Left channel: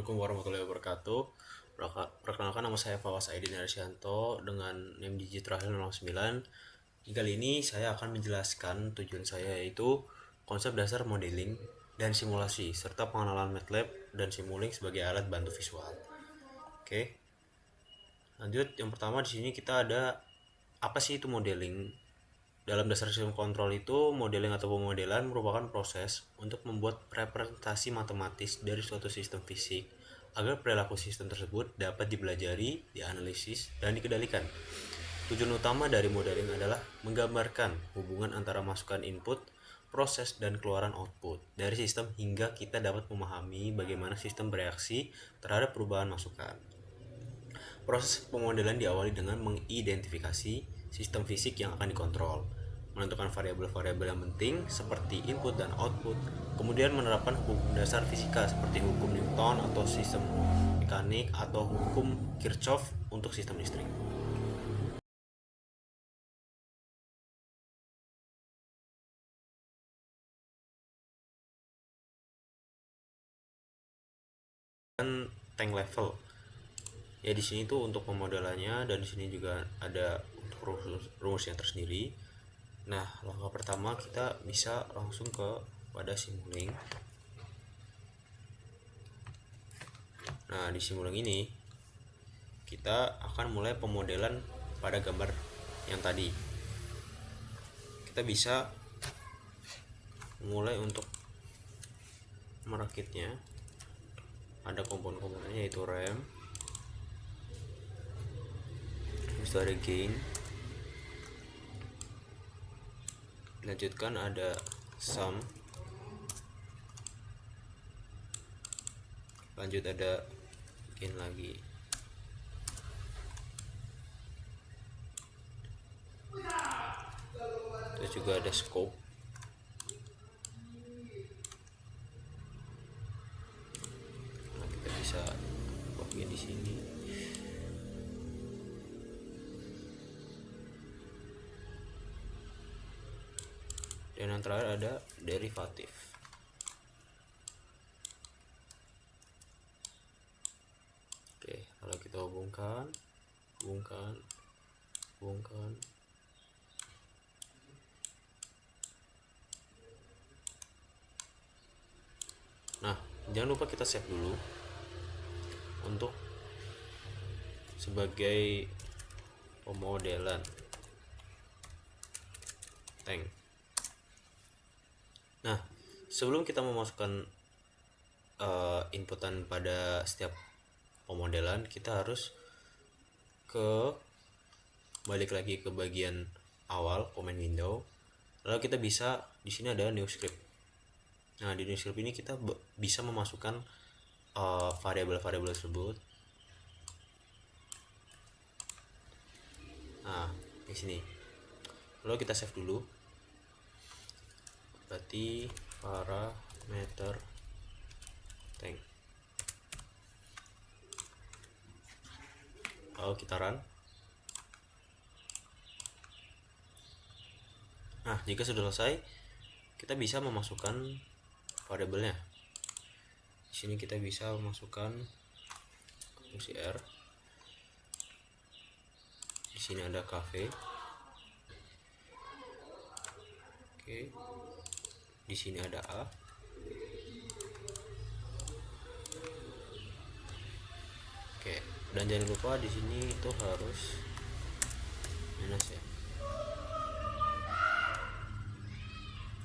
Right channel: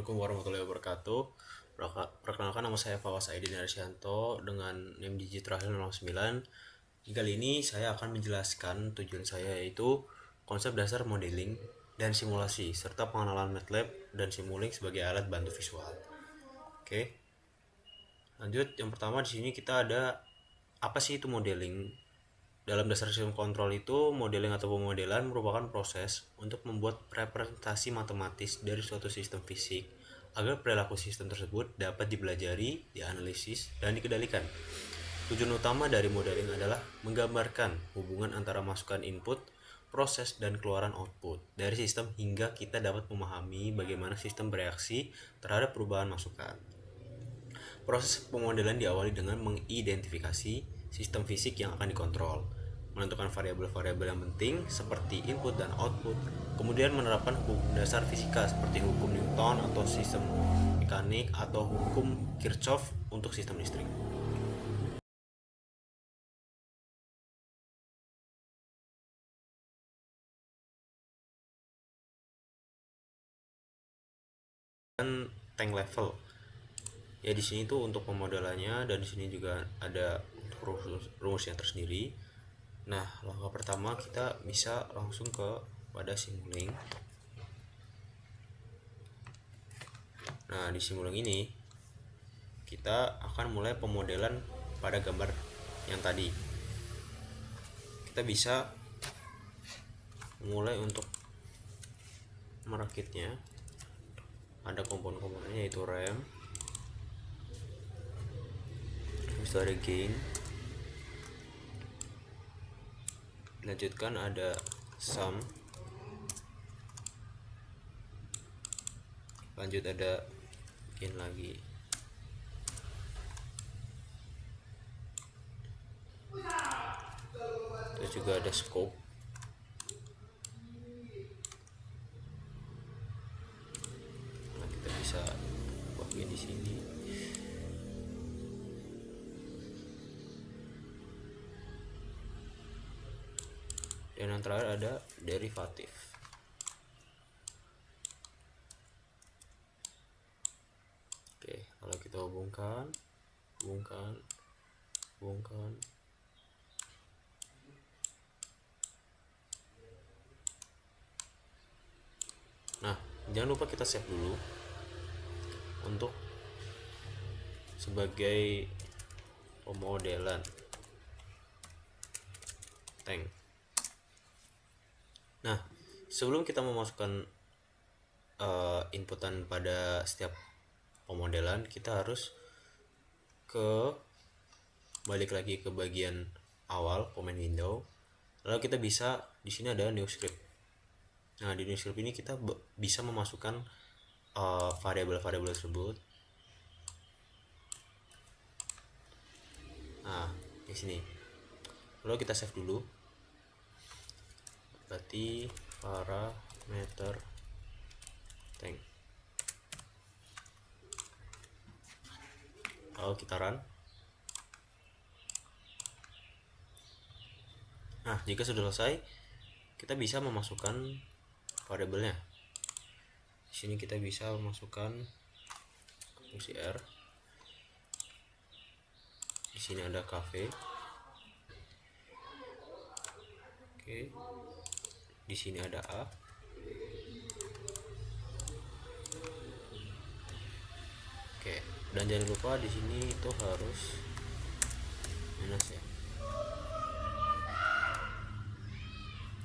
Assalamualaikum warahmatullahi wabarakatuh. Perkenalkan, nama saya Fawas Aidin Arsyanto dengan NIM Digit terakhir 09. Kali ini saya akan menjelaskan tujuan saya, yaitu konsep dasar modeling dan simulasi serta pengenalan MATLAB dan Simulink sebagai alat bantu visual. Oke. Lanjut, yang pertama di sini kita ada apa sih itu modeling? Dalam dasar sistem kontrol itu, modeling atau pemodelan merupakan proses untuk membuat representasi matematis dari suatu sistem fisik agar perilaku sistem tersebut dapat dipelajari, dianalisis, dan dikendalikan. Tujuan utama dari modeling adalah menggambarkan hubungan antara masukan input, proses, dan keluaran output dari sistem hingga kita dapat memahami bagaimana sistem bereaksi terhadap perubahan masukan. Proses pemodelan diawali dengan mengidentifikasi sistem fisik yang akan dikontrol, menentukan variabel-variabel yang penting seperti input dan output, kemudian menerapkan hukum dasar fisika seperti hukum Newton atau sistem mekanik atau hukum Kirchhoff untuk sistem listrik. Dan tank level. Ya di sini tuh untuk pemodelannya, dan di sini juga ada untuk rumusnya tersendiri. Nah, langkah pertama kita bisa langsung pada Simulink. Nah, di Simulink ini kita akan mulai pemodelan pada gambar yang tadi. Kita bisa mulai untuk merakitnya. Ada komponen-komponennya, yaitu RAM, habis itu ada gain, dilanjutkan ada sum, lanjut ada gain lagi, terus juga ada scope. Nah, kita bisa bagian di sini. Dan yang terakhir ada derivatif. Oke, kalau kita hubungkan. Nah, jangan lupa kita save dulu untuk sebagai pemodelan tank. Nah, sebelum kita memasukkan inputan pada setiap pemodelan, kita harus balik lagi ke bagian awal command window. Lalu kita bisa di sini ada new script. Nah, di new script ini kita bisa memasukkan variabel-variabel tersebut. Nah, di sini. Lalu kita save dulu. Berarti parameter tank. Lalu kita run. Nah, jika sudah selesai, kita bisa memasukkan variabelnya. Di sini kita bisa memasukkan fungsi R. Di sini ada cafe. Oke. Di sini ada A. Oke, dan jangan lupa di sini itu harus minus ya.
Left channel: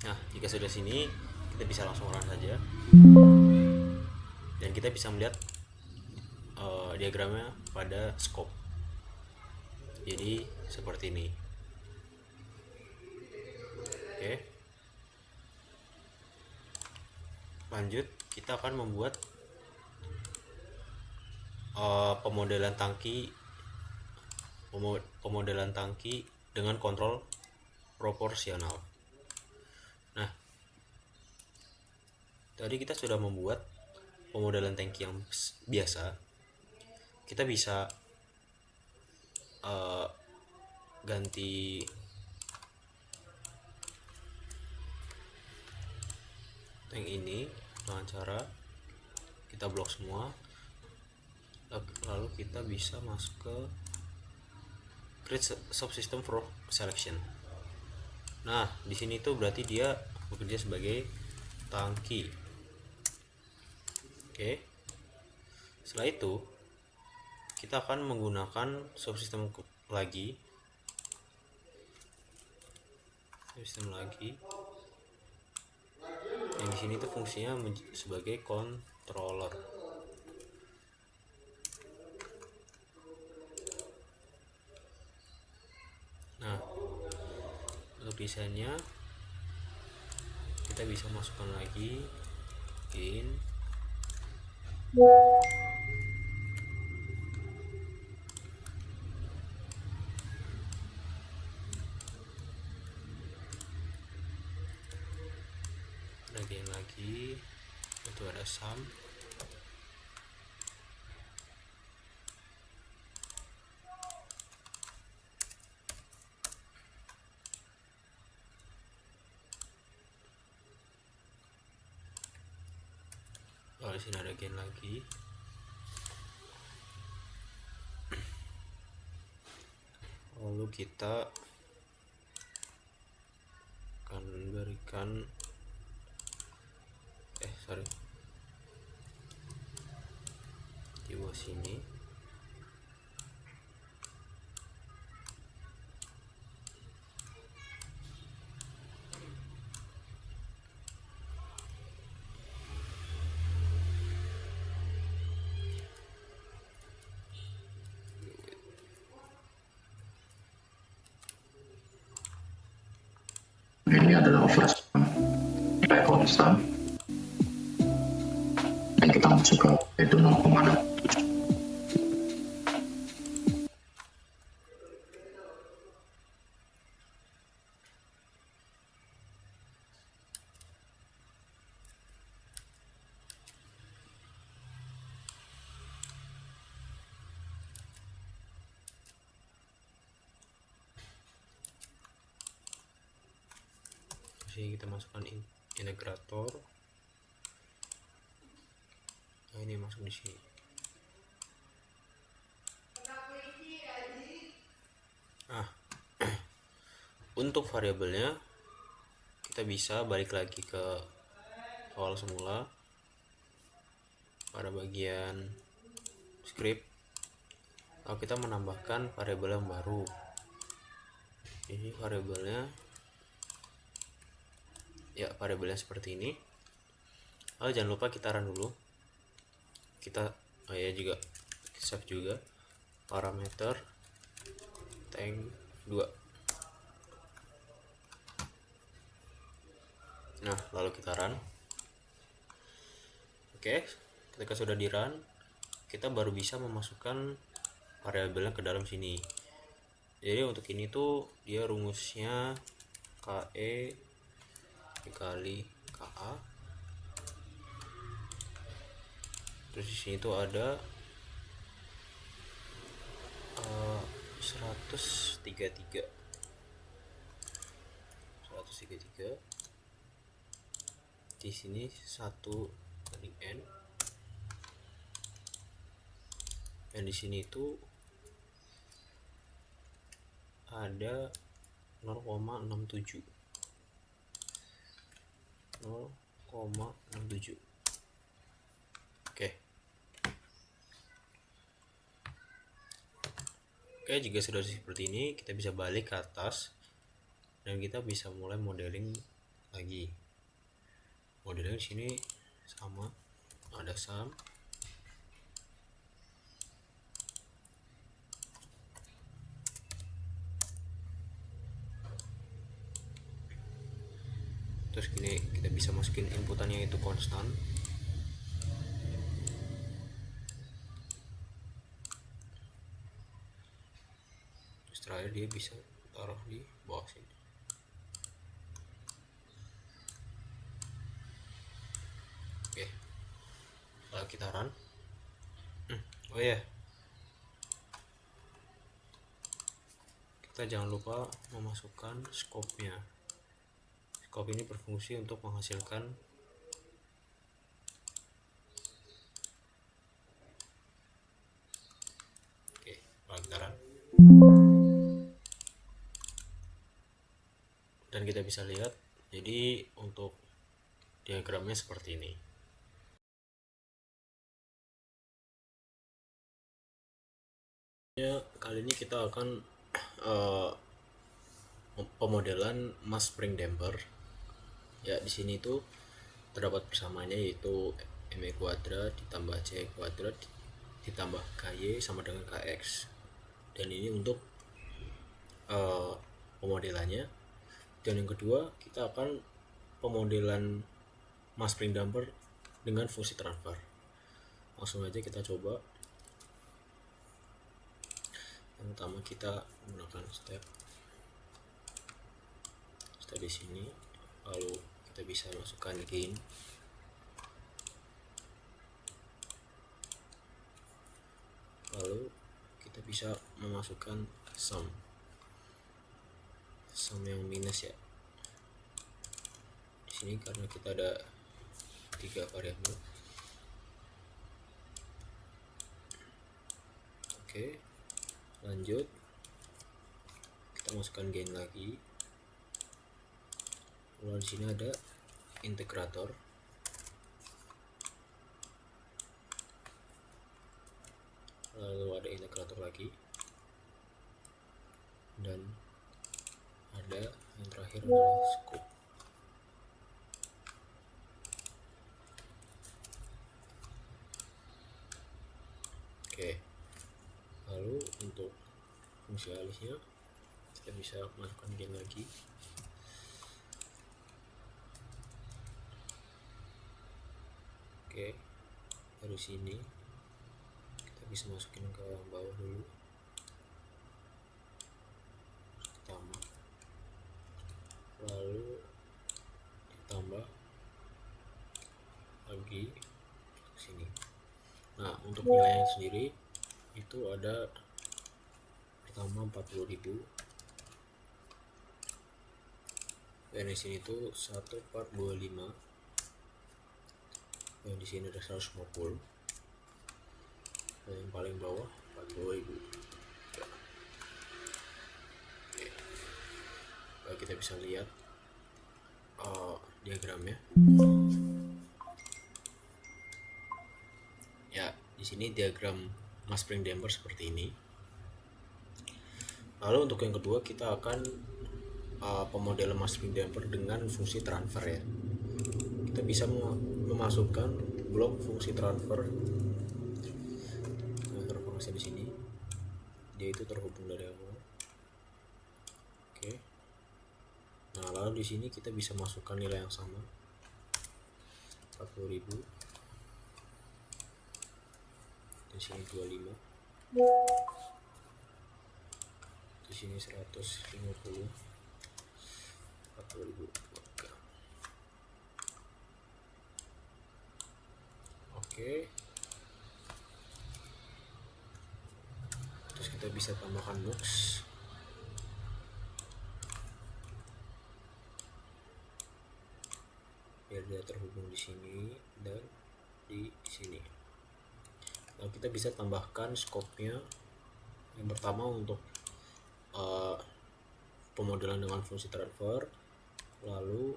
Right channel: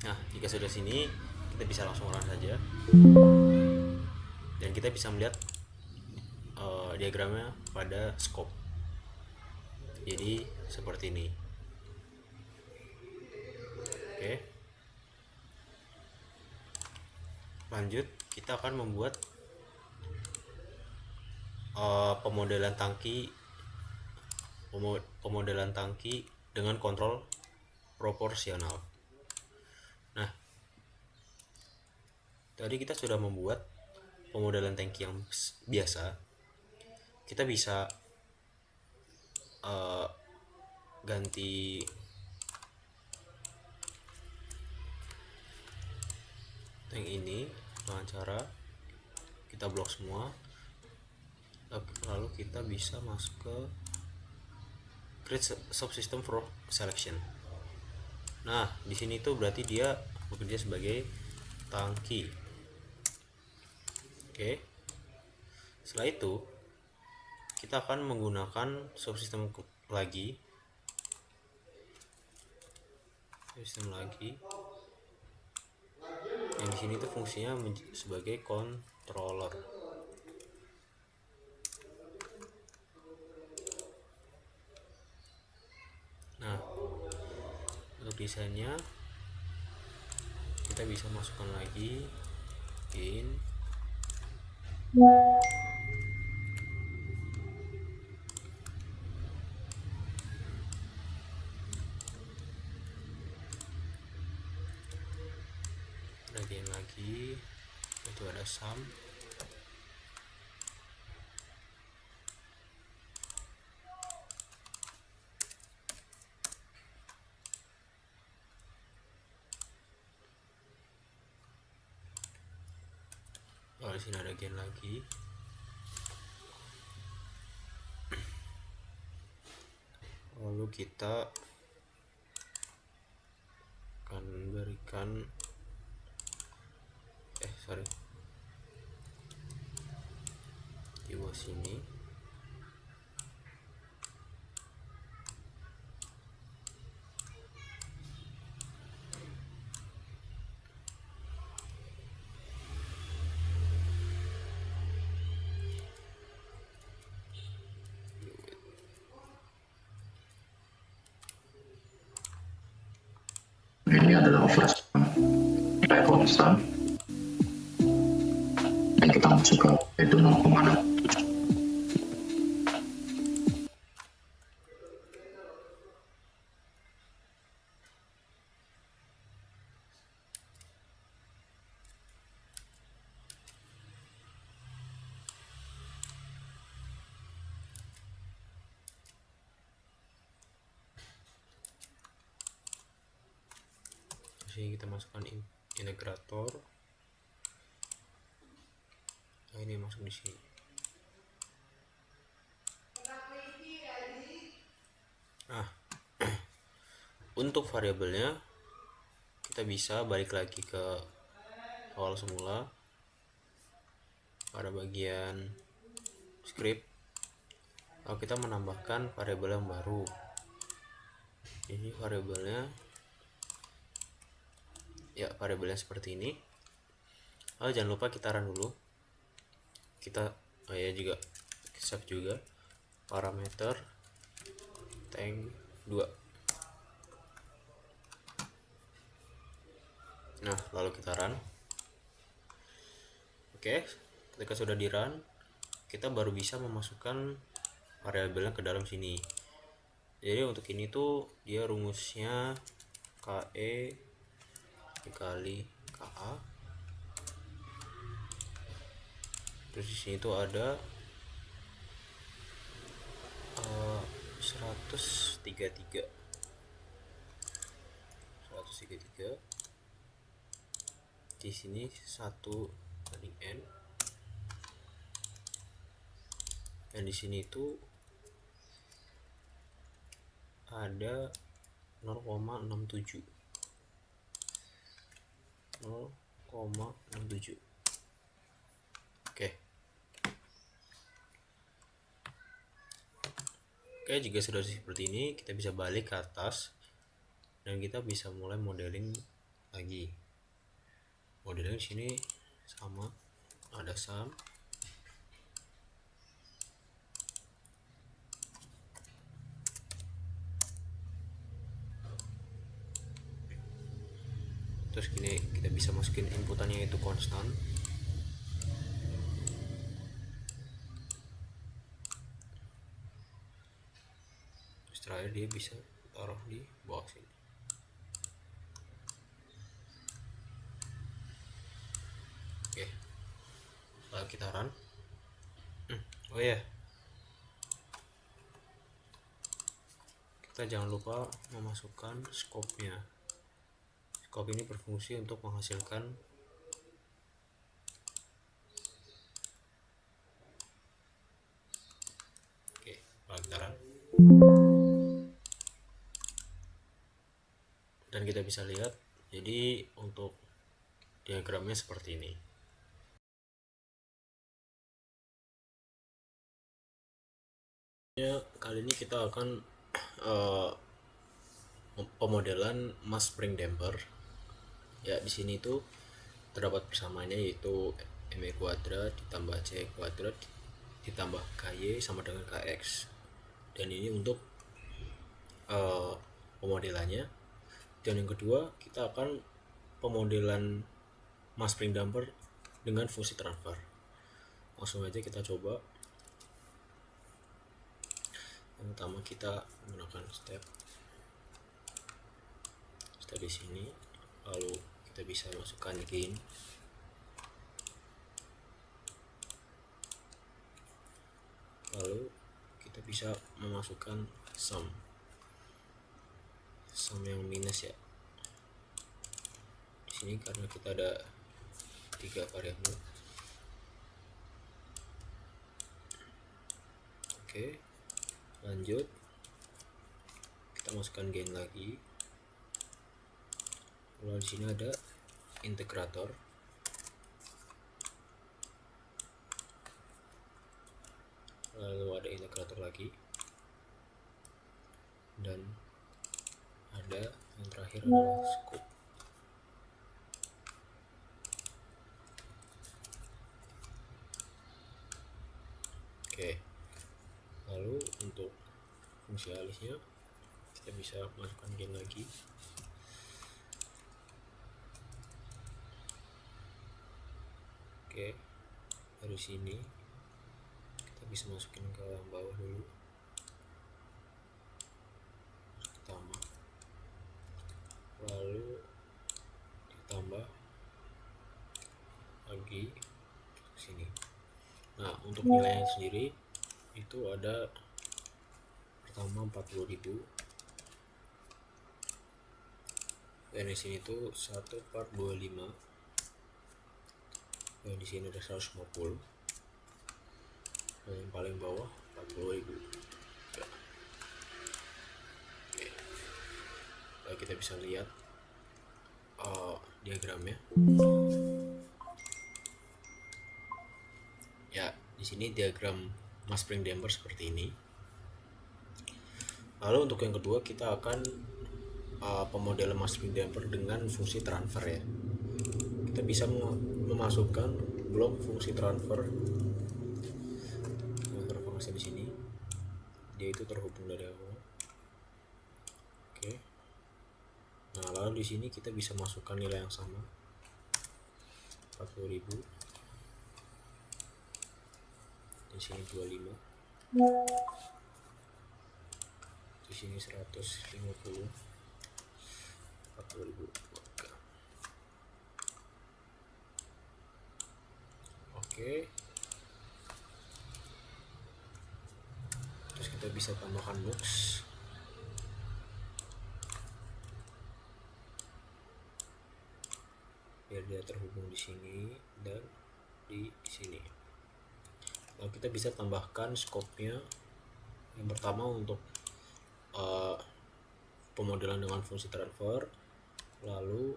Nah, jika sudah sini, kita bisa langsung run saja. Dan kita bisa melihat diagramnya pada scope. Jadi seperti ini. Oke. Lanjut, kita akan membuat pemodelan tangki dengan kontrol proporsional. Nah, tadi kita sudah membuat pemodelan tangki yang biasa. Kita bisa ganti tank ini dengan cara kita blok semua, lalu kita bisa masuk ke create subsystem for selection. Nah, di sini tuh berarti dia bekerja sebagai tangki. Oke. Setelah itu kita akan menggunakan subsystem lagi. Sistem lagi. Yang di sini tuh fungsinya sebagai controller. Nah, untuk desainnya kita bisa masukkan lagi in lagi itu ada sum. Di sini ada gain lagi. Lalu kita akan berikan di bawah sini ini adalah flash konstan dan kita masuk ke itu 0,6. sini kita masukkan integrator. Nah, ini masuk di sini. Nah, untuk variabelnya kita bisa balik lagi ke awal semula pada bagian script. Lalu kita menambahkan variabel yang baru. Ini variabelnya seperti ini. Lalu jangan lupa kita run dulu. Kita juga save juga parameter tank 2. Nah, lalu kita run. Oke, ketika sudah di run, kita baru bisa memasukkan variabelnya ke dalam sini. Jadi untuk ini tuh dia rumusnya KE dikali KA. Terus di sini tuh ada 133. Di sini 1 banding n. Dan di sini itu ada 0,67. Oke, jika sudah seperti ini, kita bisa balik ke atas dan kita bisa mulai modeling lagi. Modeling sini sama, ada sum. Terus gini kita bisa masukin inputannya itu konstan. Terus terakhir dia bisa taruh di bawah sini. Oke, lalu kita run. Oh ya, kita jangan lupa memasukkan scope-nya. Scope ini berfungsi untuk menghasilkan karakteran. Dan kita bisa lihat, jadi untuk diagramnya seperti ini. Kali ini kita akan pemodelan mass spring damper. Ya, di sini tuh terdapat persamaannya, yaitu ME kuadrat ditambah C kuadrat ditambah KY sama dengan KX. Dan ini untuk pemodelannya. Dan yang kedua, kita akan pemodelan mass spring damper dengan fungsi transfer. Langsung aja kita coba. Yang pertama kita menggunakan step di sini, lalu kita bisa masukkan gain, lalu kita bisa memasukkan sum yang minus ya. Di sini karena kita ada 3 variabel. Oke, lanjut kita masukkan gain lagi. Lalu di sini ada integrator. Lalu ada integrator lagi. Dan ada yang terakhir adalah scope. Oke. Lalu untuk fungsi alisnya kita bisa masukkan gain lagi. Oke, dari sini kita bisa masukin ke bawah dulu, pertama, lalu ditambah lagi ke sini. Nah, untuk nilainya sendiri itu ada pertama 40.000, dan di sini tuh 1425, dan di sini ada 150, dan yang paling bawah 40.000. Oke. Lalu kita bisa lihat diagramnya. Ya, di sini diagram mass spring damper seperti ini. Lalu untuk yang kedua kita akan pemodelan mass spring damper dengan fungsi transfer ya. Kita bisa memasukkan blok fungsi transfer fungsi di sini. Dia itu terhubung dari awal. Oke. Nah, lalu di sini kita bisa masukkan nilai yang sama, 40.000. Di sini 25. Di sini 150. 40.000. Oke. Terus kita bisa tambahkan box. Biar dia terhubung di sini dan di sini. Lalu kita bisa tambahkan scope-nya. Yang pertama untuk pemodelan dengan fungsi transfer, lalu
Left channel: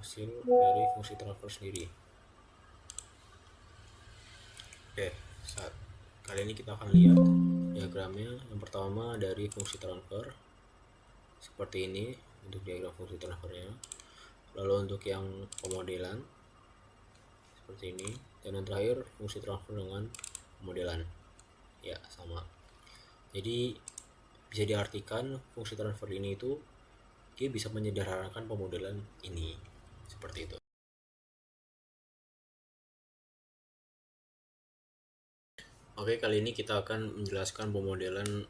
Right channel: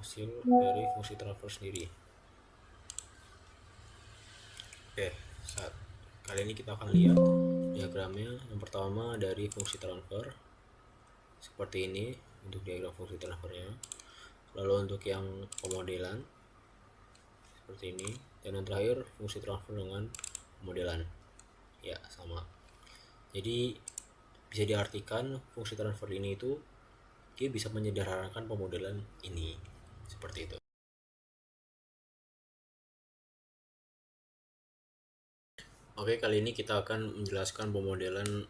hasil dari fungsi transfer sendiri. Oke, kali ini kita akan lihat diagramnya. Yang pertama dari fungsi transfer seperti ini untuk diagram fungsi transfernya. Lalu untuk yang pemodelan seperti ini, dan yang terakhir fungsi transfer dengan pemodelan ya sama. Jadi bisa diartikan fungsi transfer ini itu dia bisa menyederhanakan pemodelan ini seperti itu. Oke, kali ini kita akan menjelaskan pemodelan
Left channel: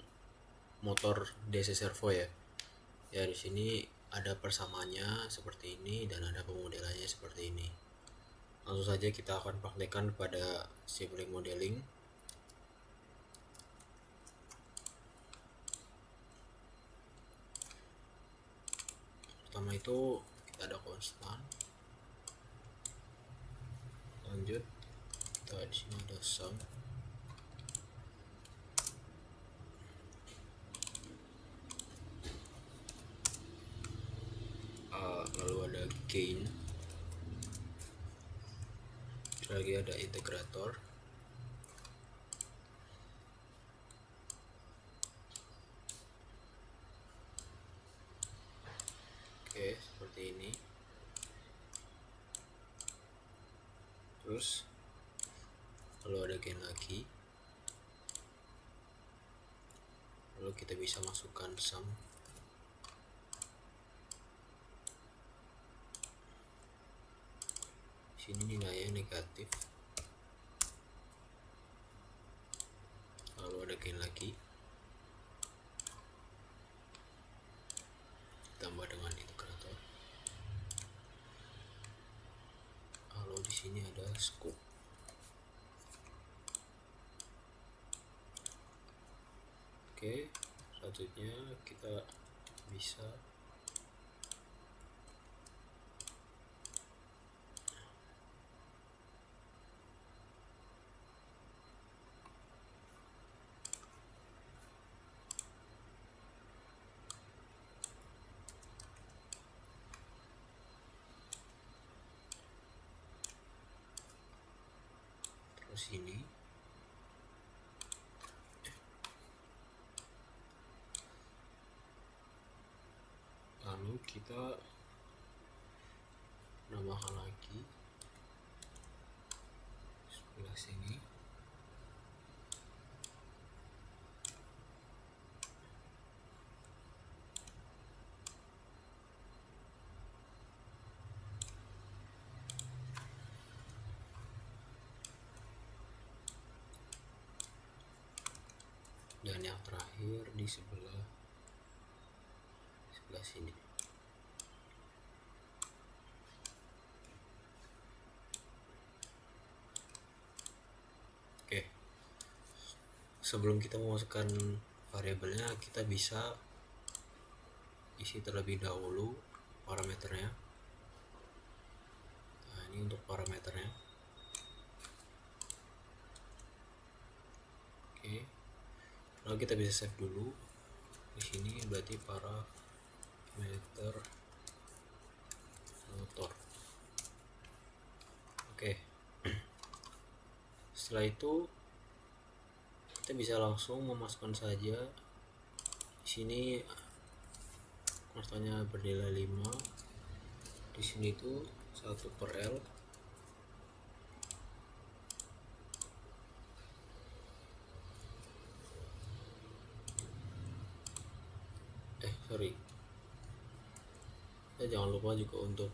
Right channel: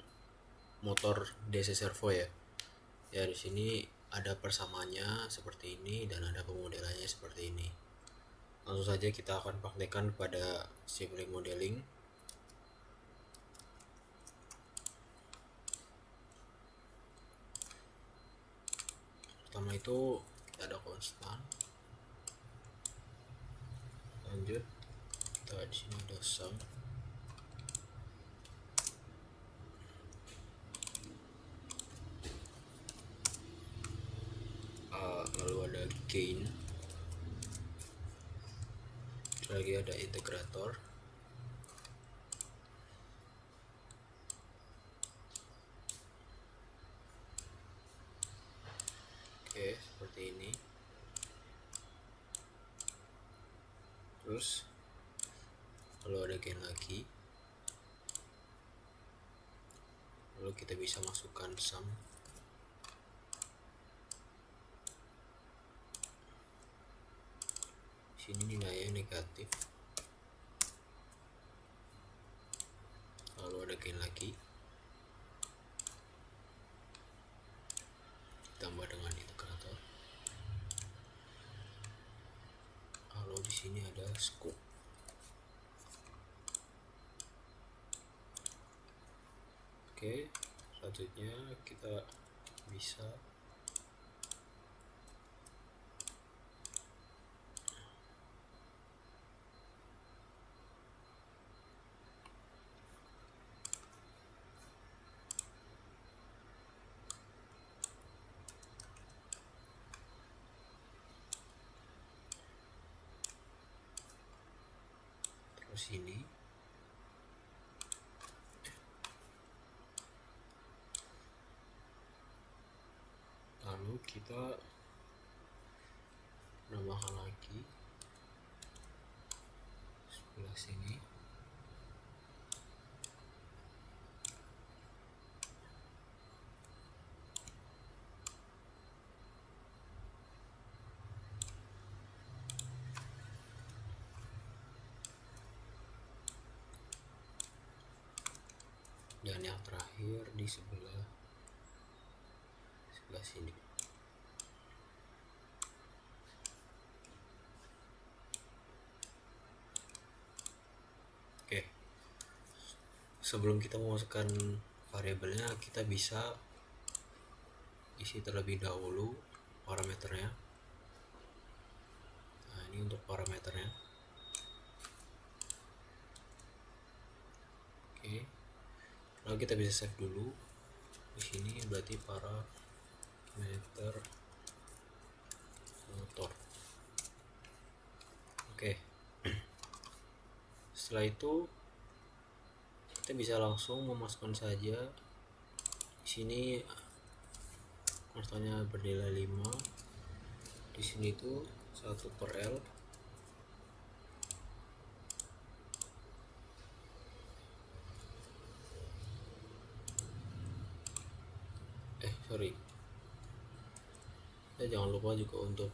motor DC servo ya. Ya, di sini ada persamaannya seperti ini dan ada pemodelannya seperti ini. Langsung saja kita akan praktekkan pada simulink modeling. Pertama itu kita ada konstan. Lanjut kita di sini ada sum. gain, lagi ada integrator. Oke, seperti ini. Terus lalu ada gain lagi, lalu kita bisa masukkan sum. Sini nilainya negatif, lalu ada gain lagi, ditambah dengan integrator, lalu di sini ada scope. Oke, selanjutnya kita bisa terus ini. Lalu kita nambahkan lagi sebelah sini. Dan yang terakhir di sebelah sini. Oke, sebelum kita memasukkan variabelnya, kita bisa isi terlebih dahulu parameternya. Nah, ini untuk parameternya. Oke, lalu kita bisa save dulu. Di sini berarti parameter motor. Oke, setelah itu kita bisa langsung memasukkan saja. Di sini konstannya bernilai 5. Di sini tuh 1/L. Sorry. Kita jangan lupa juga untuk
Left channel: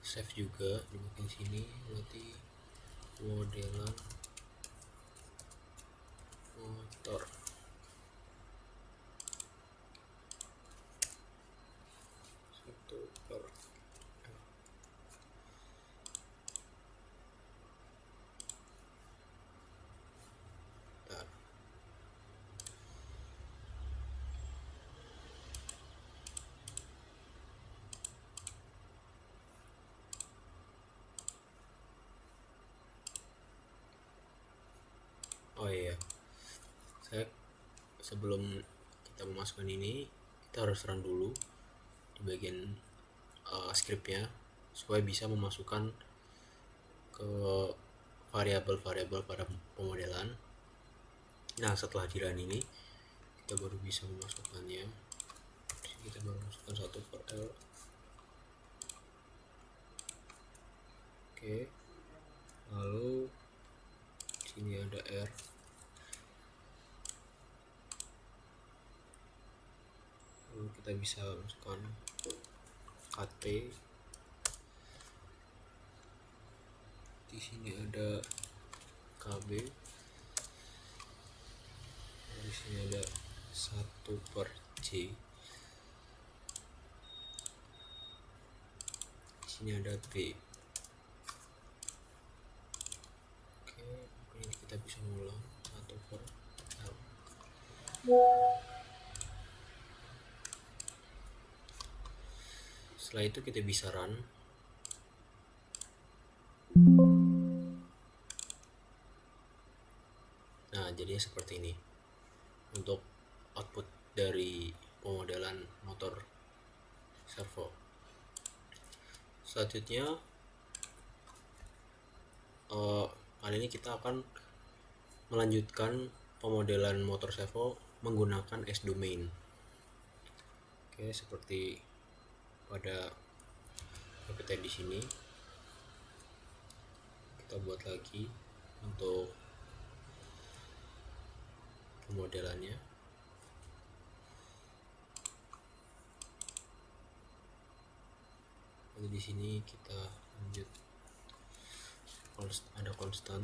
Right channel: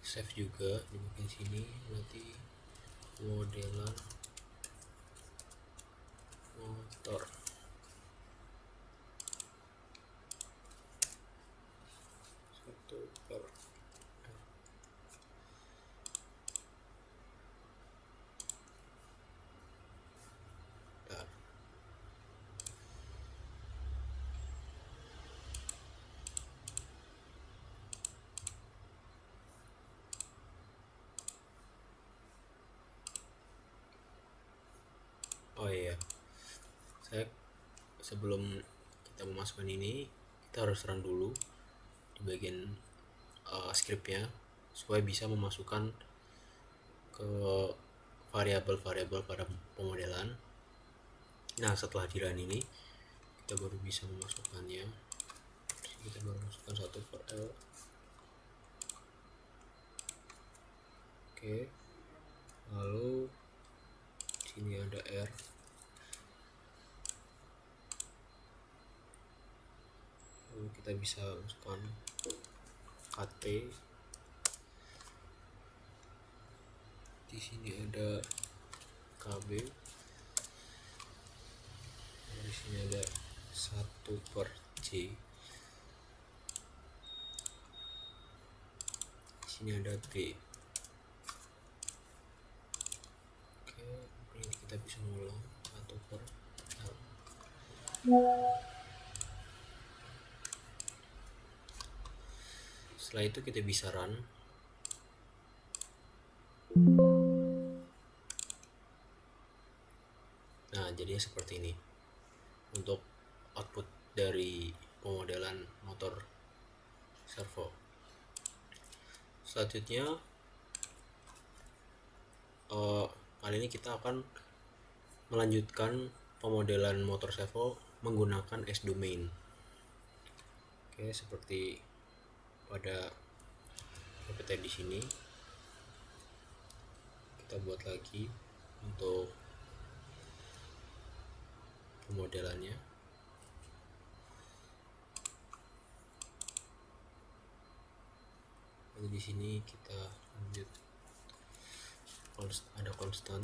save juga di bagian sini, berarti modelan motor. Oh iya, sebelum kita memasukkan ini, kita harus run dulu di bagian scriptnya supaya bisa memasukkan ke variabel-variabel pada pemodelan. Nah, setelah di run ini, kita baru bisa memasukkannya. Kita baru masukkan 1/L. Oke, lalu sini ada R. Lalu kita bisa masukkan KT. Di sini ada KB. Di sini ada 1/J. Di sini ada B. Oke, ini kita bisa mengulang 1/L. Setelah itu kita bisa run. Nah, jadinya seperti ini untuk output dari pemodelan motor servo. Selanjutnya kali ini kita akan melanjutkan pemodelan motor servo menggunakan S-domain. Oke, seperti pada PPT di sini, kita buat lagi untuk pemodelannya. Lalu di sini kita lanjut, ada konstan,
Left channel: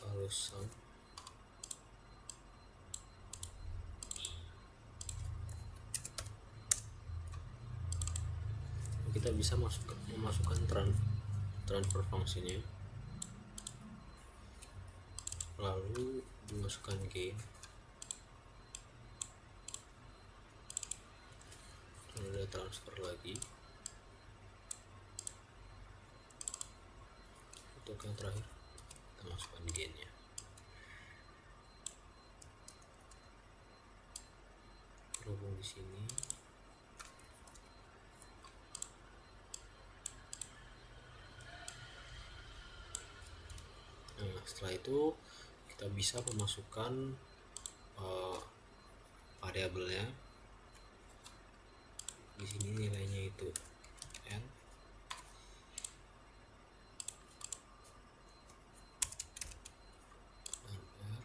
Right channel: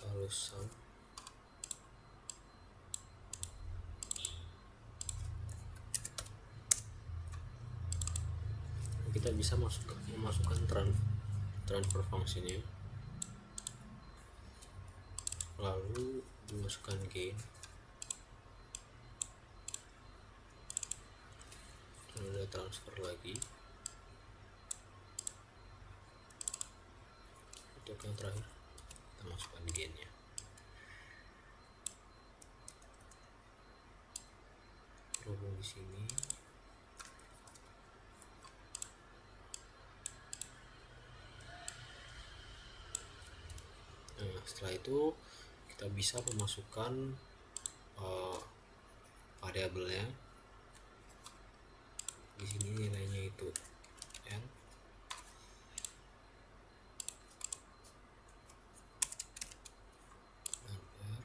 lalu sum, kita bisa memasukkan transfer function-nya, lalu dimasukkan gain, lalu ada transfer lagi. Untuk yang terakhir kita masukkan gain-nya. Berhubung di sini setelah itu kita bisa memasukkan variabelnya. Di sini nilainya itu n, dan r.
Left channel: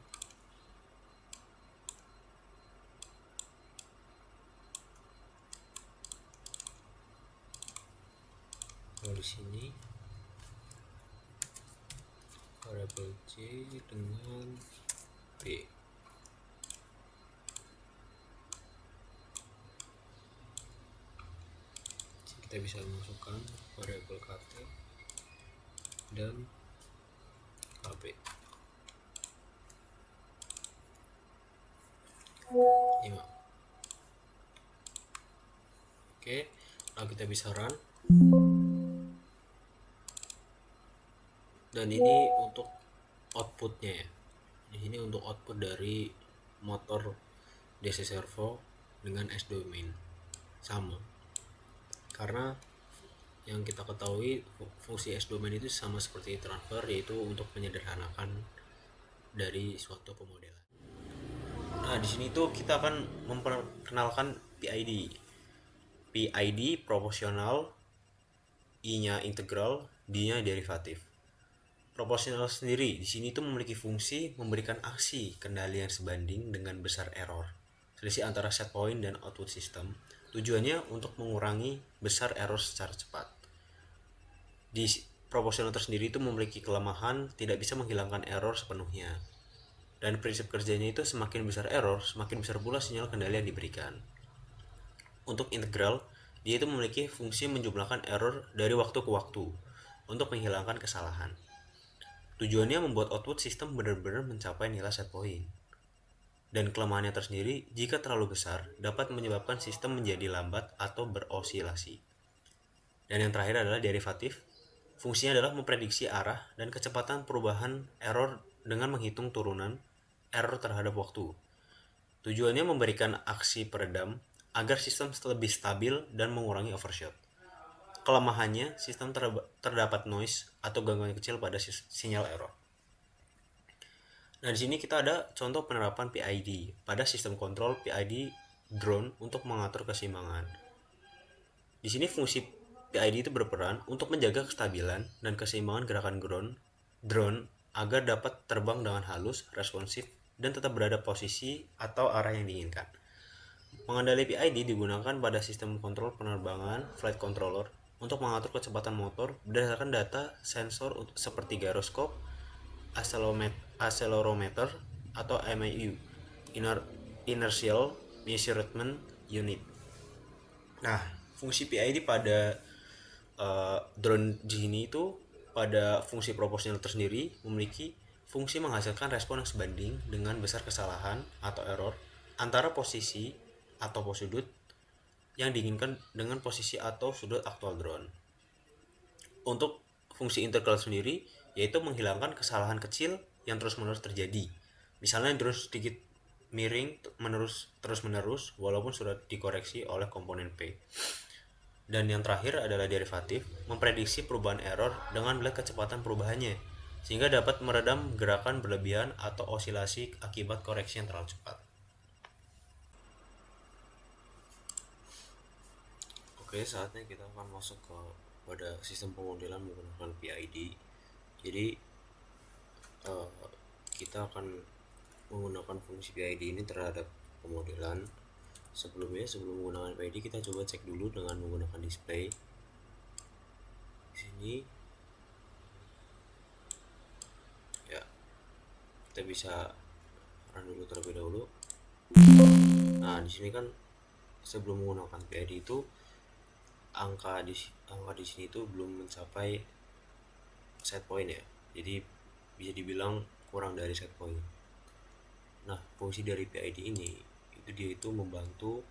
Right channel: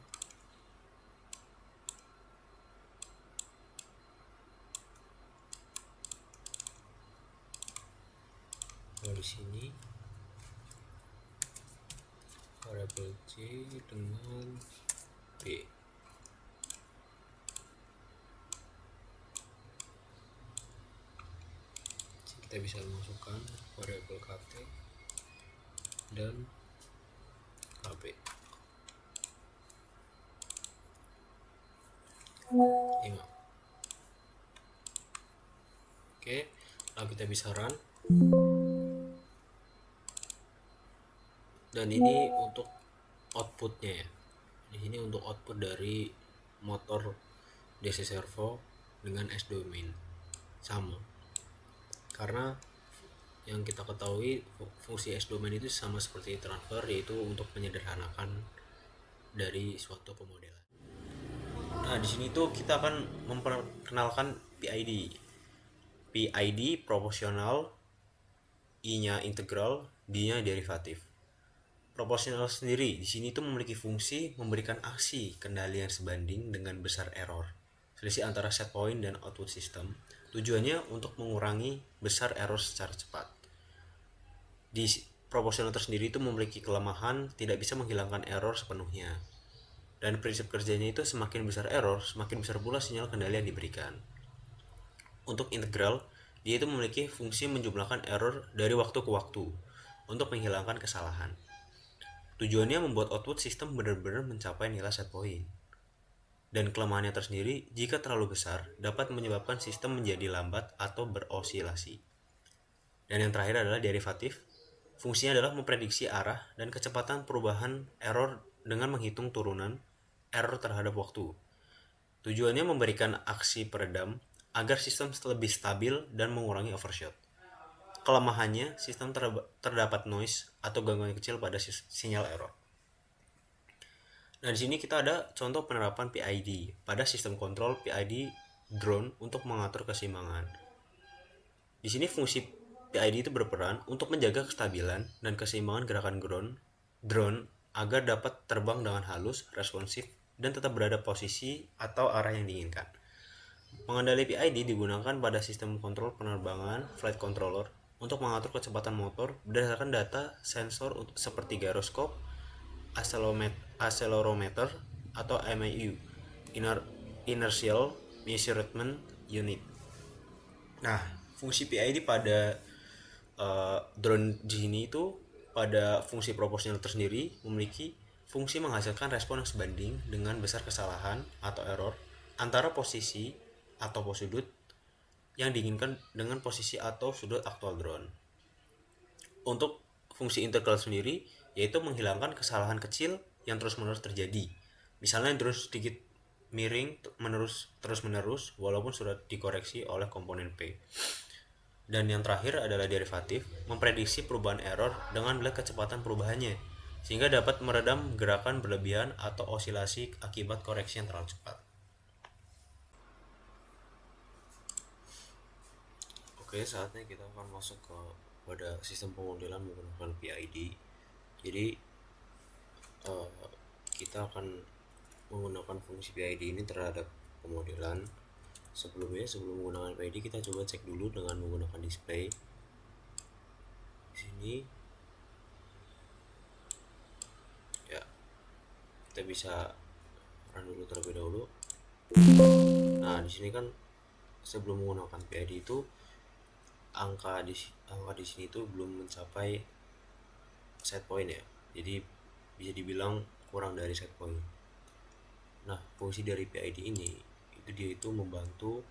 Lalu di sini variabel c dengan b. Kita bisa masukkan variabel kt dan kb. Iya. Oke, lalu kita bisa run. Dan ini untuk outputnya ya. Di sini untuk output dari motor DC servo dengan S-domain sama. Karena yang kita ketahui fungsi S-domain itu sama seperti transfer, yaitu untuk menyederhanakan dari suatu pemodelan. Nah, di sini tuh kita akan memperkenalkan PID. PID proporsional, I-nya integral, D-nya derivatif. Proporsional sendiri di sini tuh memiliki fungsi memberikan aksi kendali yang sebanding dengan besar error, selisih antara set point dan output system. Tujuannya untuk mengurangi besar error secara cepat. Di proporsional tersendiri itu memiliki kelemahan tidak bisa menghilangkan error sepenuhnya. Dan prinsip kerjanya itu semakin besar error, semakin besar pula sinyal kendali yang diberikan. Untuk integral, dia itu memiliki fungsi menjumlahkan error dari waktu ke waktu untuk menghilangkan kesalahan. Tujuannya membuat output sistem benar-benar mencapai nilai set point. Dan kelemahannya tersendiri, jika terlalu besar, dapat menyebabkan sistem menjadi lambat atau berosilasi. Dan yang terakhir adalah derivatif. Fungsinya adalah memprediksi arah dan kecepatan perubahan error dengan menghitung turunan error terhadap waktu. Tujuannya memberikan aksi peredam agar sistem lebih stabil dan mengurangi overshoot. Kelemahannya, sistem terdapat noise atau gangguan kecil pada sinyal error. Nah, di sini kita ada contoh penerapan PID pada sistem kontrol PID drone untuk mengatur keseimbangan. Di sini fungsi PID itu berperan untuk menjaga kestabilan dan keseimbangan gerakan drone agar dapat terbang dengan halus, responsif, dan tetap berada posisi atau arah yang diinginkan. Pengendali PID digunakan pada sistem kontrol penerbangan flight controller untuk mengatur kecepatan motor berdasarkan data sensor seperti gyroskop, accelerometer, atau MIU, Inertial Measurement Unit. Nah, fungsi PID pada drone di sini itu pada fungsi proporsional tersendiri memiliki fungsi menghasilkan respon yang sebanding dengan besar kesalahan atau error antara posisi atau sudut yang diinginkan dengan posisi atau sudut aktual drone. Untuk fungsi integral sendiri yaitu menghilangkan kesalahan kecil yang terus-menerus terjadi. Misalnya drone sedikit miring terus-menerus walaupun sudah dikoreksi oleh komponen P. Dan yang terakhir adalah derivatif, memprediksi perubahan error dengan melihat kecepatan perubahannya, sehingga dapat meredam gerakan berlebihan atau osilasi akibat koreksi yang terlalu cepat. Oke, saatnya kita akan masuk pada sistem pemodelan menggunakan PID. Jadi eh, kita akan menggunakan fungsi PID ini terhadap pemodelan. Sebelum menggunakan PID, kita coba cek dulu dengan menggunakan display. Di sini ya, kita bisa run dulu terlebih dahulu. Nah, di sini kan sebelum menggunakan PID itu angka di sini itu belum mencapai set point ya. Jadi bisa dibilang kurang dari set point. Nah, fungsi dari PID ini dia itu membantu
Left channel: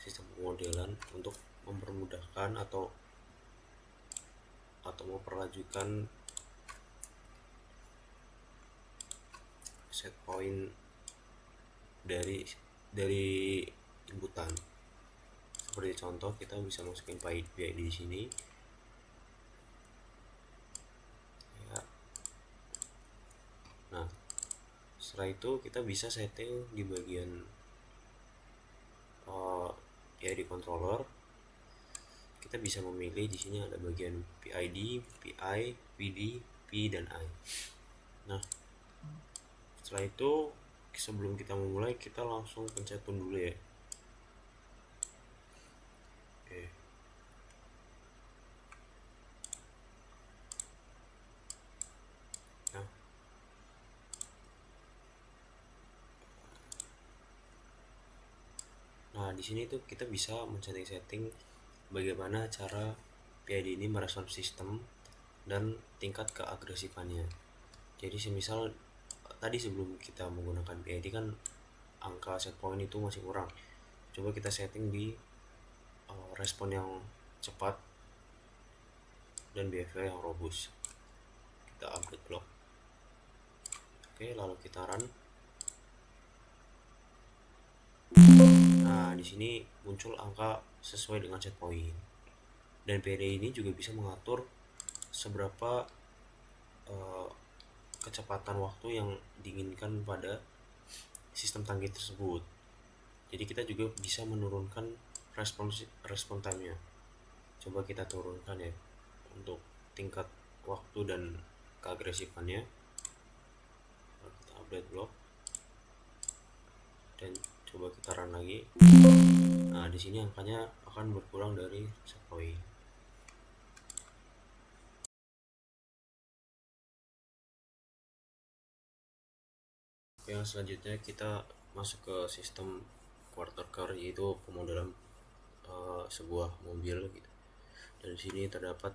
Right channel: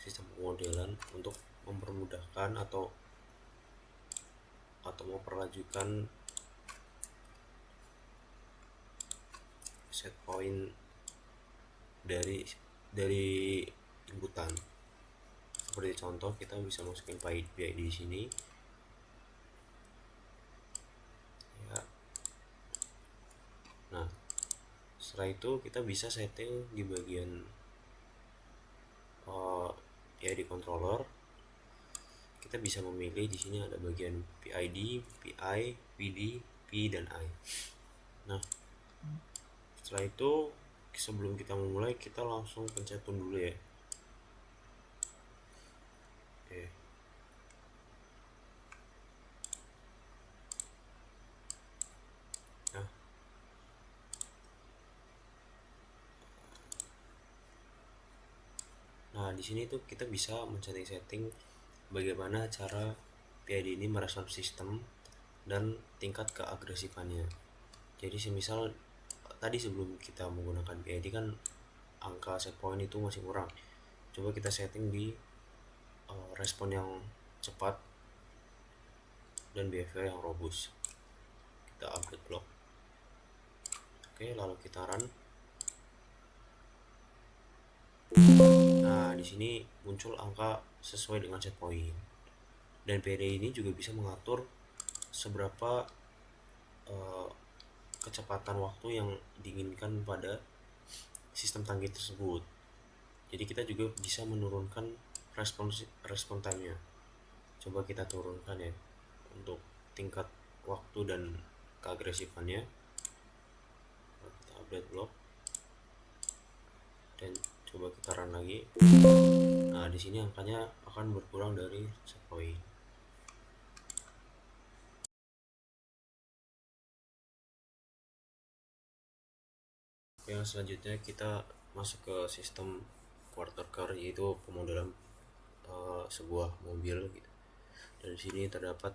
sistem pemodelan untuk mempermudahkan atau memperlanjutkan set point dari inputan. Seperti contoh, kita bisa masukin PID di sini. Ya. Nah, setelah itu kita bisa setting di bagian PID controller. Kita bisa memilih di sini ada bagian PID, PI, PD, P dan I. Nah, setelah itu sebelum kita memulai, kita langsung pencet tune dulu ya. Oke. Nah, di sini tuh kita bisa men-setting bagaimana cara PID ini merespon sistem dan tingkat keagresifannya. Jadi semisal tadi sebelum kita menggunakan PID kan angka set point itu masih kurang. Coba kita setting di respon yang cepat dan behavior yang robust. Kita update block. Oke, lalu kita run. Nah, di sini muncul angka sesuai dengan set point. Dan PID ini juga bisa mengatur seberapa kecepatan waktu yang diinginkan pada sistem tangki tersebut. Jadi kita juga bisa menurunkan respon time-nya. Coba kita turunkan ya untuk tingkat waktu dan keagresifannya. Kita update block dan coba kita run lagi. Nah, di sini angkanya akan berkurang dari set point. Yang selanjutnya kita masuk ke sistem quarter car, yaitu pemodelan sebuah mobil gitu. Dan di sini terdapat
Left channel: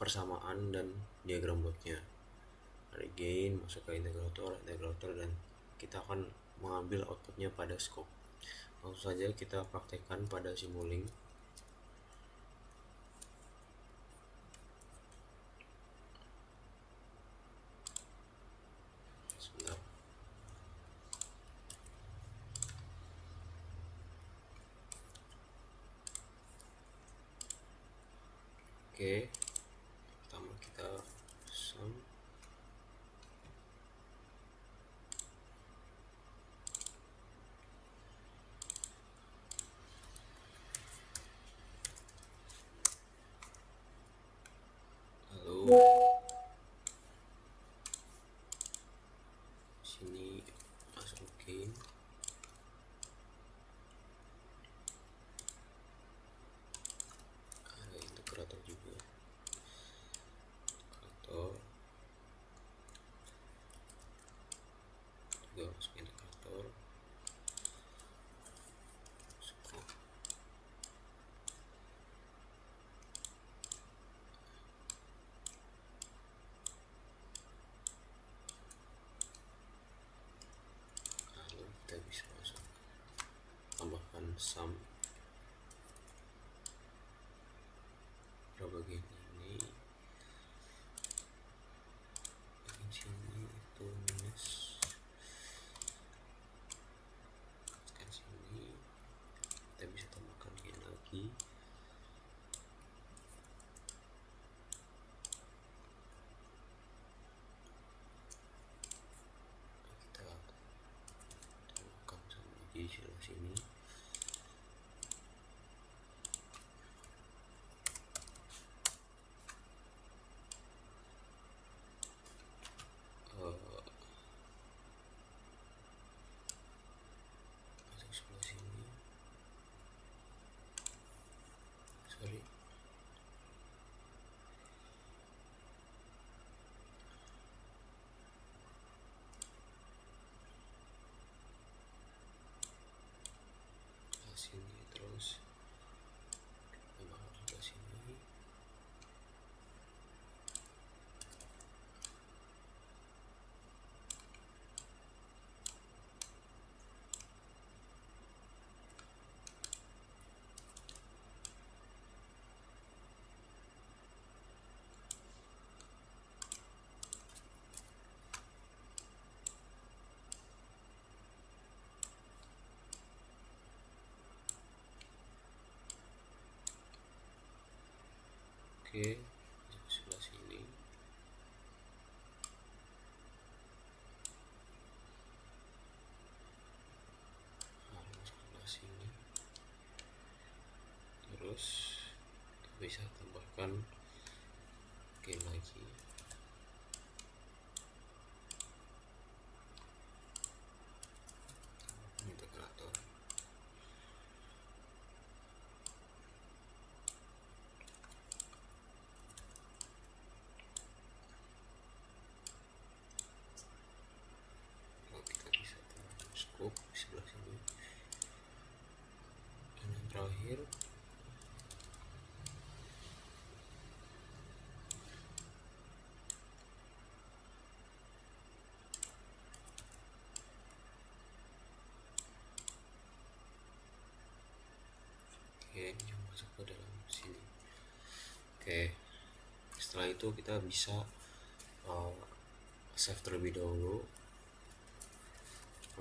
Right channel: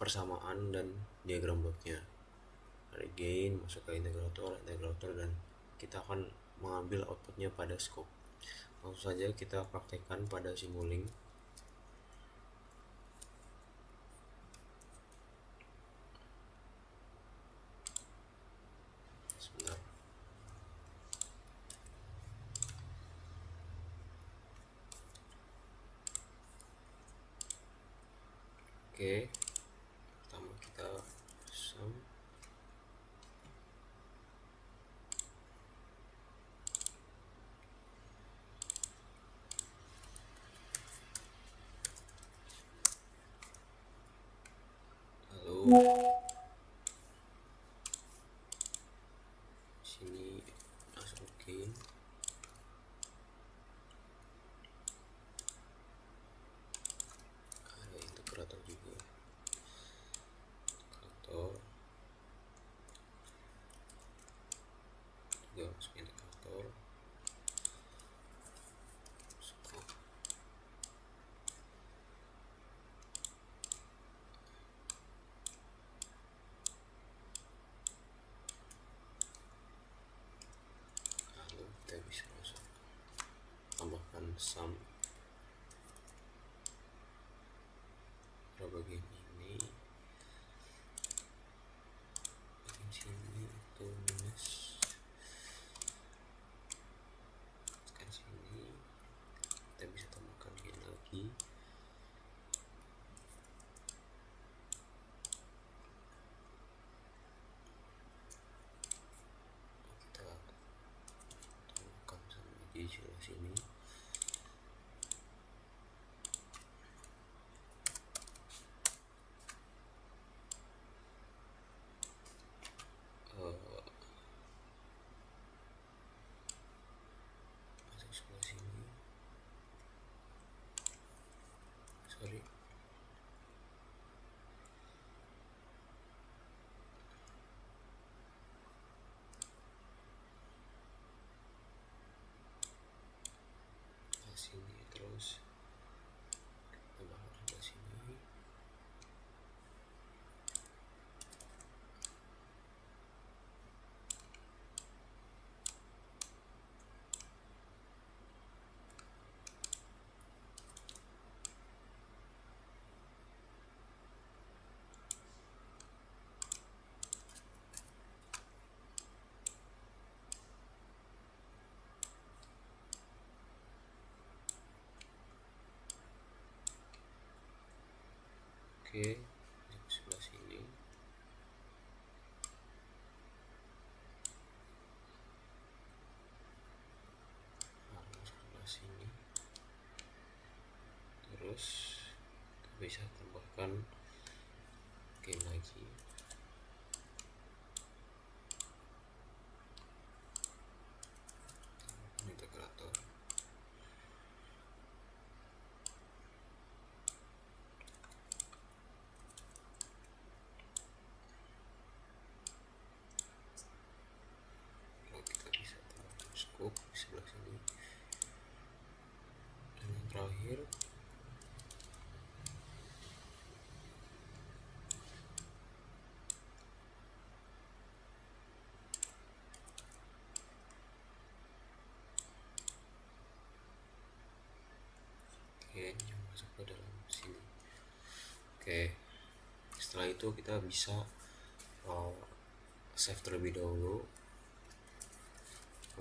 persamaan dan diagram bloknya. Ada gain, masuk ke integrator dan kita akan mengambil outputnya pada scope. Langsung saja kita praktekkan pada Simulink. Sebentar. Oke, pertama kita sum. Lalu sini masukin ada integrator juga. Integrator juga masuk integrator. Scope. Lalu kita bisa masuk tambahkan sum pada bagian ini, bagian sini itu minus, sekarang sini kita bisa tambahkan gain lagi. sebelah sini. Masuk sebelah sini. Sorry. Sini terus kita bawa sebelah sini. Oke, masuk sebelah sini. Masuk sebelah sini. Terus kita bisa tambahkan gain lagi. Tambahkan integrator. Kita bisa tambahkan scope di sebelah sini. Dan yang terakhir yang masuk ke dalam sini. Oke, setelah itu kita bisa save terlebih dahulu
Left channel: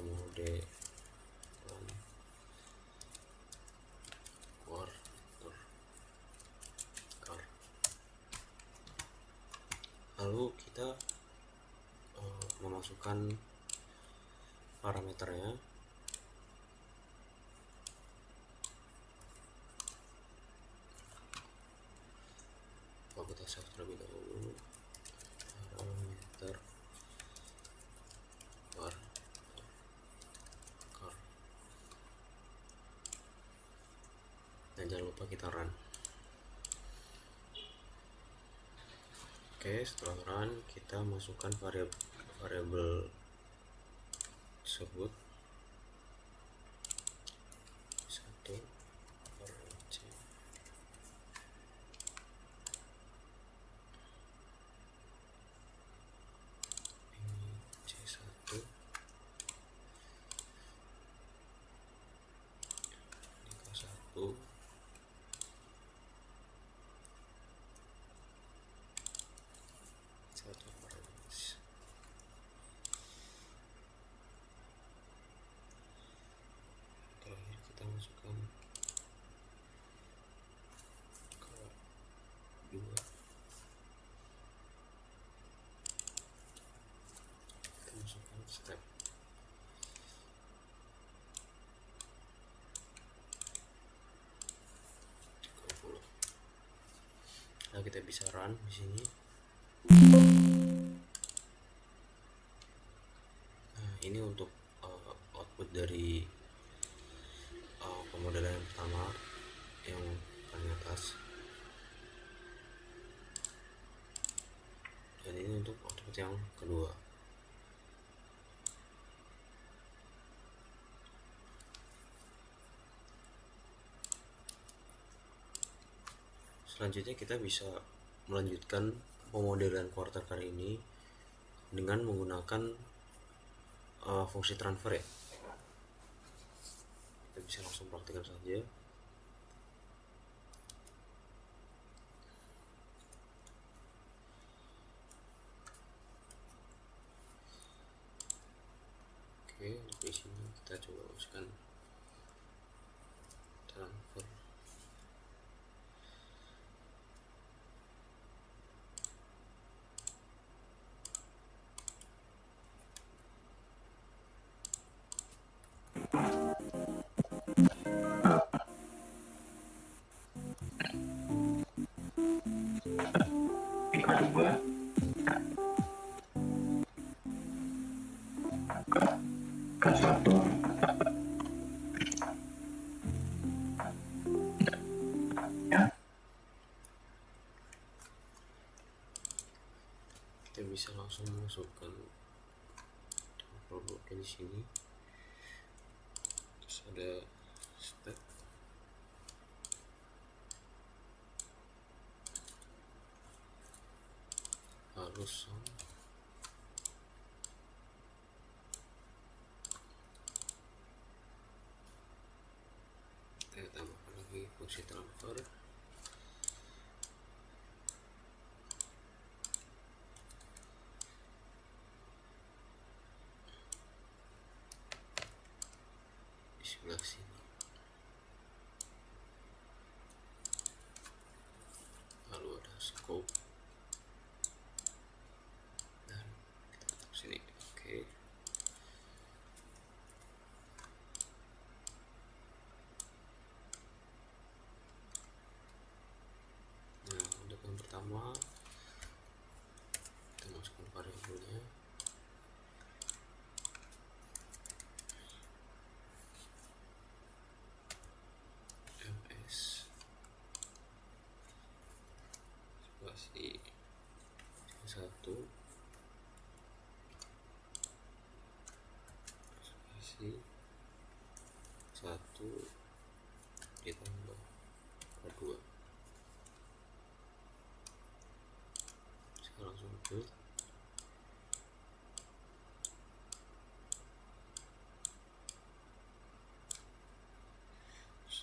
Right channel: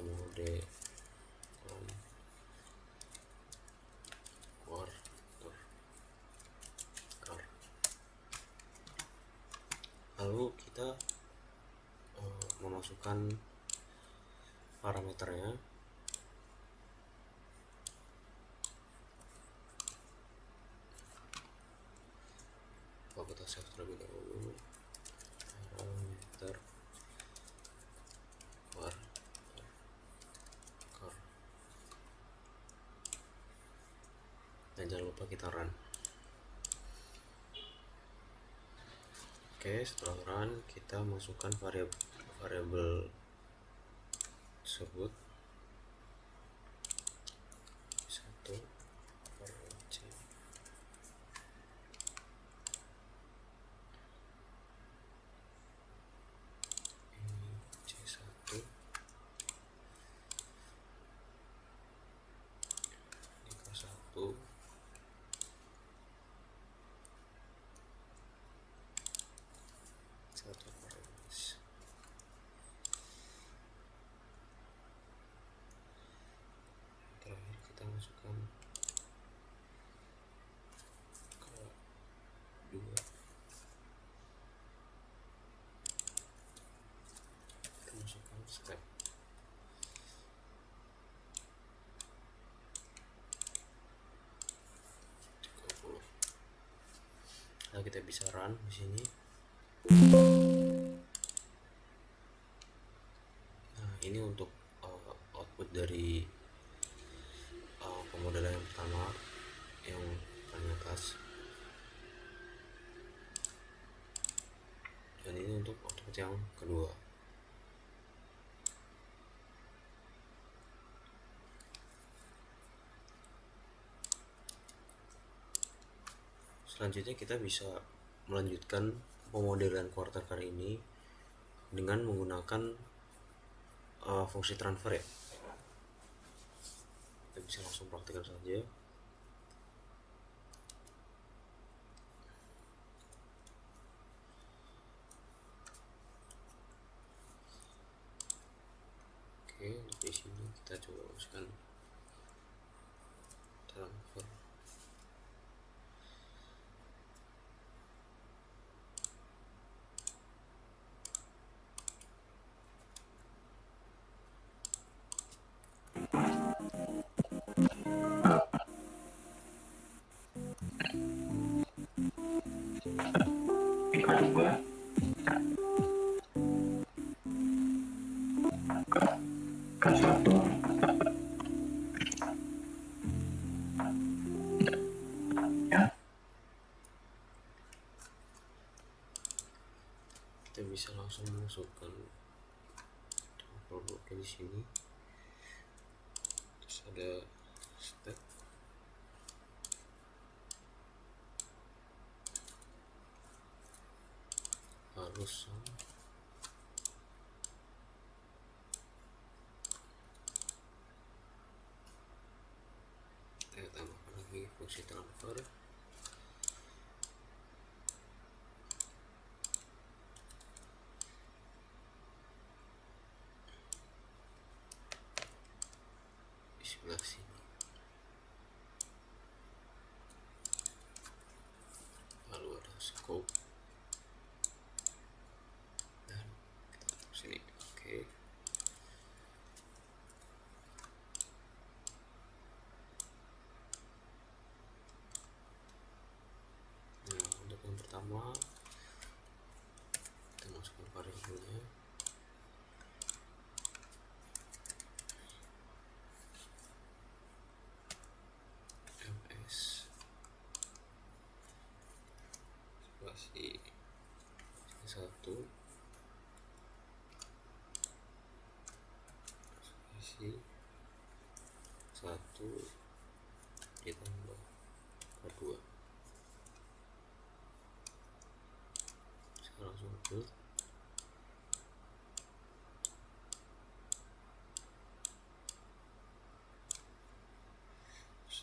mode quarter car. Lalu kita memasukkan parameternya. Kita save terlebih dahulu parameter car, dan jangan lupa kita run. Oke, setelah run kita masukkan variabel tersebut 1 per c. Ini c1, ini k1, satu parameter. Terakhir kita masukkan ke 2. Kita masukkan step. Nah, kita bisa run di sini. Nah, ini untuk output dari pemodelan yang pertama, yang paling atas, dan ini untuk output yang kedua. Selanjutnya kita bisa melanjutkan pemodelan quarter car ini dengan menggunakan fungsi transfer ya. Kita bisa langsung praktikkan saja. Oke, di sini kita coba masukkan transfer. kita bisa langsung masukkan bloknya di sini. Terus ada step harus sama. Kita tambahkan lagi fungsi transfer. Di sebelah sini. Lalu ada scope. Dan kita taruh sini. Oke. Nah, untuk yang pertama kita masukkan variabelnya. MS spasi C1 spasi 1 ditambah K2. Saya langsung build.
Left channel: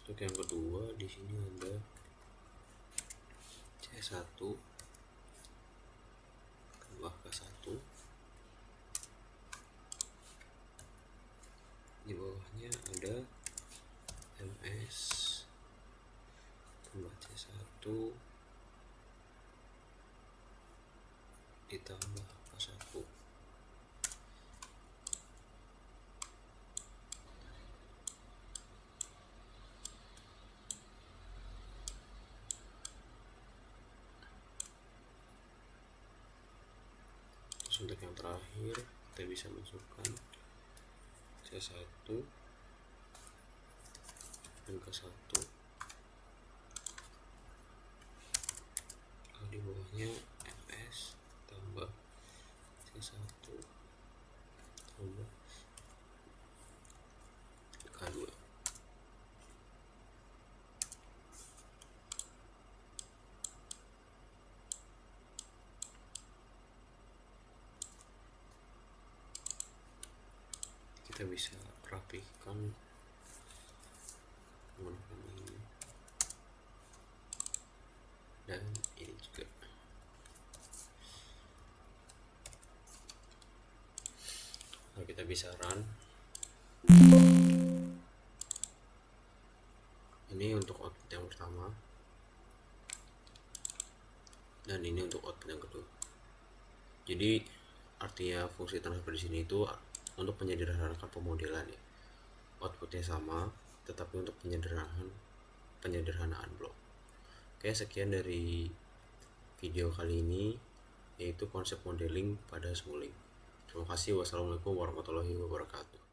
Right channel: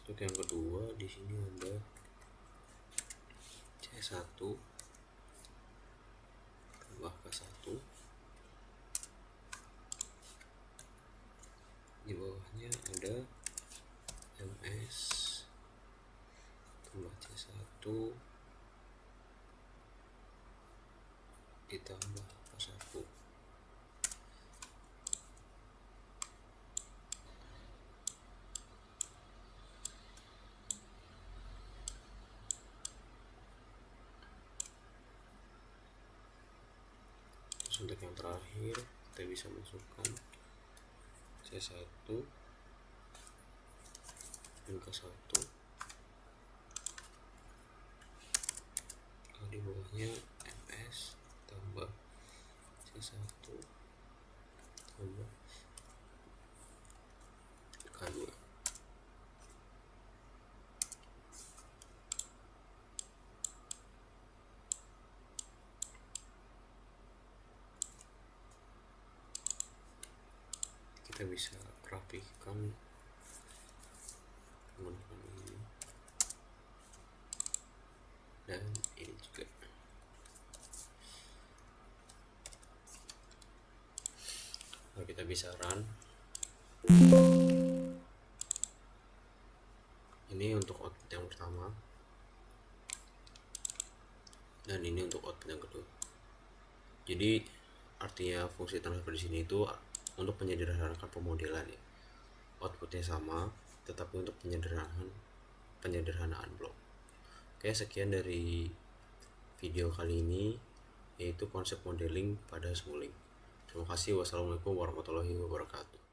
Untuk yang kedua di sini ada C1 tambah K1. Di bawahnya ada MS tambah C1 ditambah K1. Terus untuk yang terakhir kita bisa masukkan C1 dan K1. Di bawahnya MS tambah C1 tambah K2. Kita bisa rapikan menggunakan ini dan ini juga. Lalu kita bisa run. Ini untuk output yang pertama dan ini untuk output yang kedua. Jadi artinya fungsi transfer di sini itu untuk menyederhanakan pemodelan ya. Outputnya sama, tetapi untuk penyederhanaan blok. Oke, sekian dari video kali ini, yaitu konsep modeling pada Simulink. Terima kasih. Wassalamualaikum warahmatullahi wabarakatuh.